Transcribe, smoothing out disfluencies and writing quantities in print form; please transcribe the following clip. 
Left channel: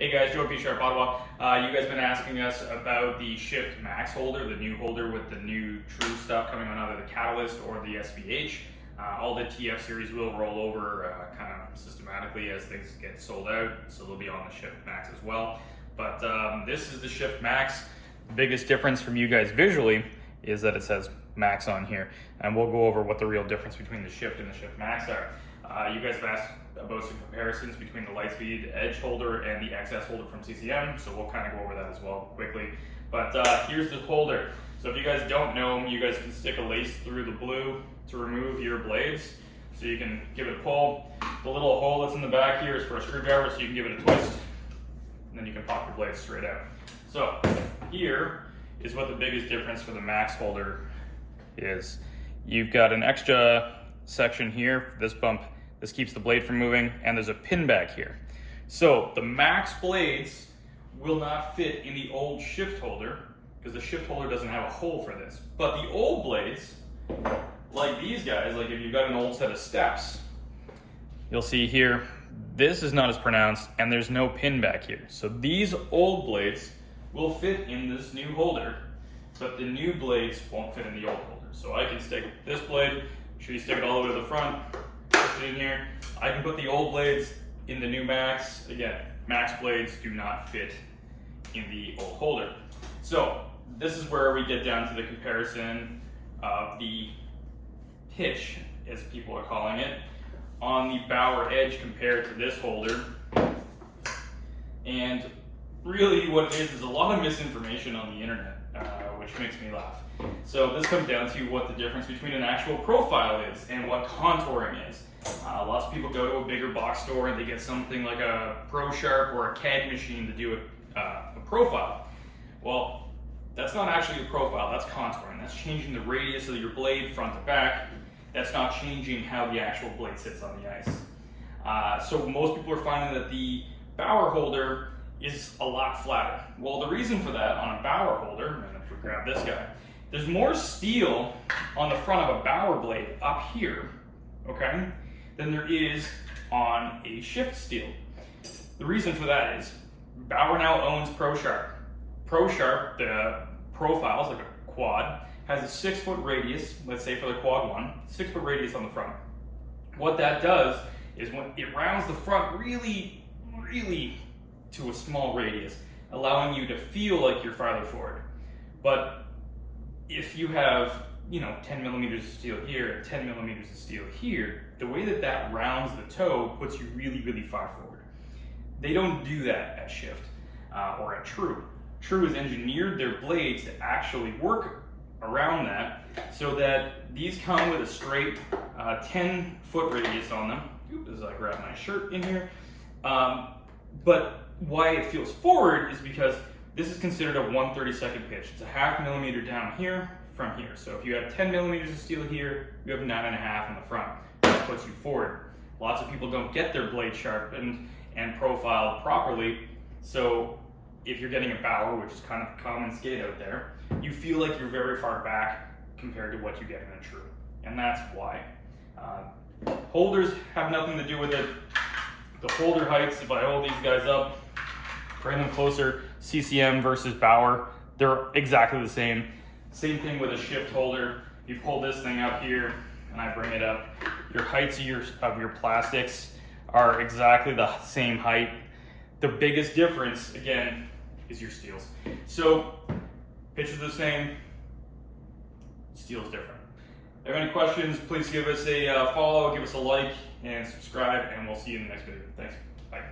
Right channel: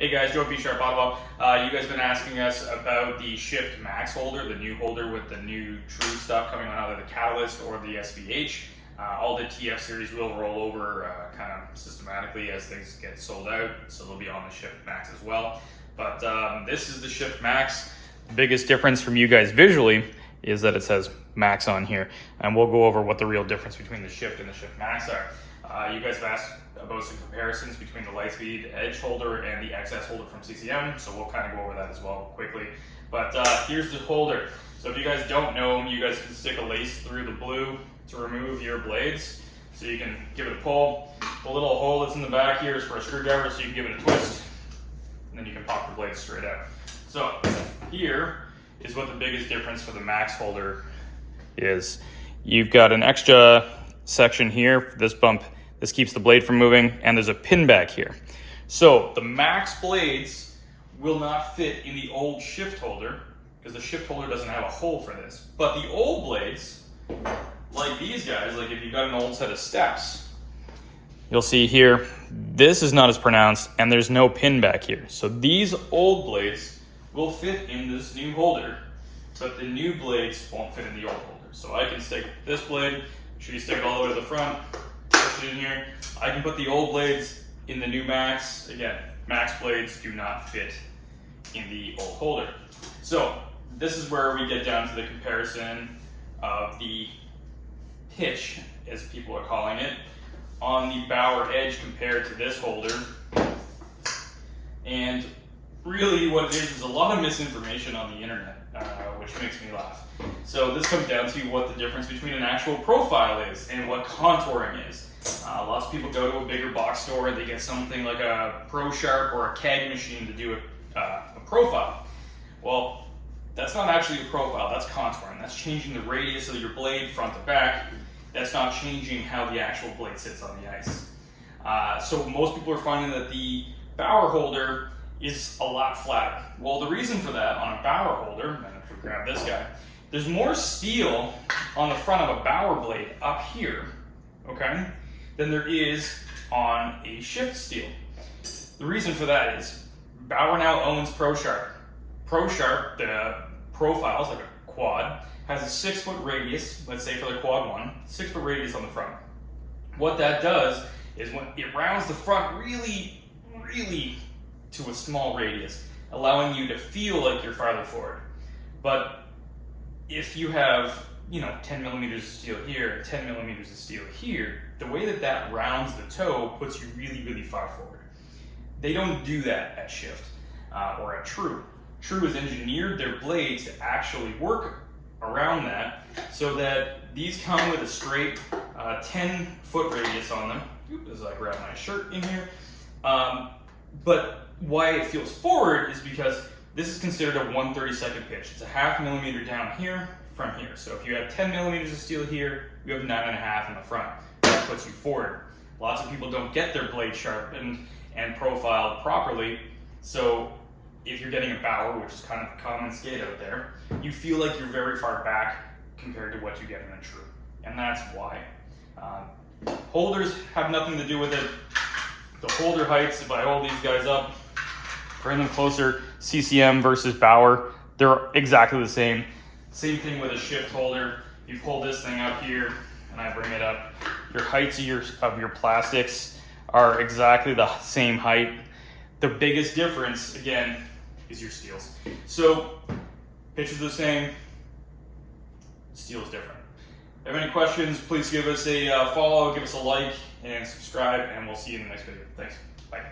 Hey guys, Joe P. Sharp Ottawa. You guys have been asking us about the Shift Max holder, the new holder with the new true stuff coming on either the Catalyst or the SVH. All the TF series will roll over kind of systematically as things get sold out, so they'll be on the Shift Max as well. But this is the Shift Max. The biggest difference from you guys visually is that it says Max on here, and we'll go over what the real difference between the Shift and the Shift Max are. You guys have asked about some comparisons between the Lightspeed Edge holder and the XS holder from CCM, so we'll kind of go over that as well quickly. But here's the holder. So if you guys don't know, you guys can stick a lace through the blue to remove your blades. So you can give it a pull. The little hole that's in the back here is for a screwdriver, so you can give it a twist, and then you can pop the blades straight out. So here is what the biggest difference for the Max holder is. You've got an extra section here for this bump. This keeps the blade from moving, and there's a pin back here. So the Max blades will not fit in the old Shift holder because the Shift holder doesn't have a hole for this. But the old blades, like these guys, like if you've got an old set of steps, you'll see here, this is not as pronounced and there's no pin back here. So these old blades will fit in this new holder, but the new blades won't fit in the old holder. So I can stick this blade, make sure you stick it all the way to the front, push it in here. I can put the old blades in the new Max. Again, Max blades do not fit in the old holder. So this is where we get down to the comparison of the pitch, as people are calling it, on the Bauer Edge compared to this holder. And really what it is a lot of misinformation on the internet, which makes me laugh. So this comes down to what the difference between an actual profile is and what contouring is. Lots of people go to a bigger box store and they get something like a ProSharp or a CAD machine to do a profile. Well, that's not actually a profile, that's contouring. That's changing the radius of your blade front to back. That's not changing how the actual blade sits on the ice. So most people are finding that the Bauer holder is a lot flatter. Well, the reason for that on a Bauer holder, and if we grab this guy, there's more steel on the front of a Bauer blade up here, okay, than there is on a Shift steel. The reason for that is Bauer now owns ProSharp. ProSharp, the profiles, like a quad, has a 6-foot radius, let's say for the quad one, 6-foot radius on the front. What that does is when it rounds the front really to a small radius, allowing you to feel like you're farther forward. But if you have, 10 millimeters of steel here, 10 millimeters of steel here, the way that that rounds the toe puts you really far forward. They don't do that at Shift or at True. True has engineered their blades to actually work around that so that these come with a straight 10-foot radius on them. As I grab my shirt in here. But why it feels forward is because this is considered a 1/32 pitch. It's a ½ millimeter down here from here. So if you have 10 millimeters of steel here, you have 9.5 in the front. That puts you forward. Lots of people don't get their blade sharpened and profiled properly. So if you're getting a Bauer, which is kind of a common skate out there, you feel like you're very far back compared to what you get in a True. And that's why. Holders have nothing to do with it. The holder heights, if I hold these guys up, bring them closer, CCM versus Bauer, they're exactly the same. Same thing with a Shift holder. You pull this thing up here, and I bring it up. Your heights of your plastics are exactly the same height. The biggest difference, again, is your steels. So, pitch is the same, steel is different. If you have any questions, please give us a follow, give us a like, and subscribe, and we'll see you in the next video. Thanks. Bye.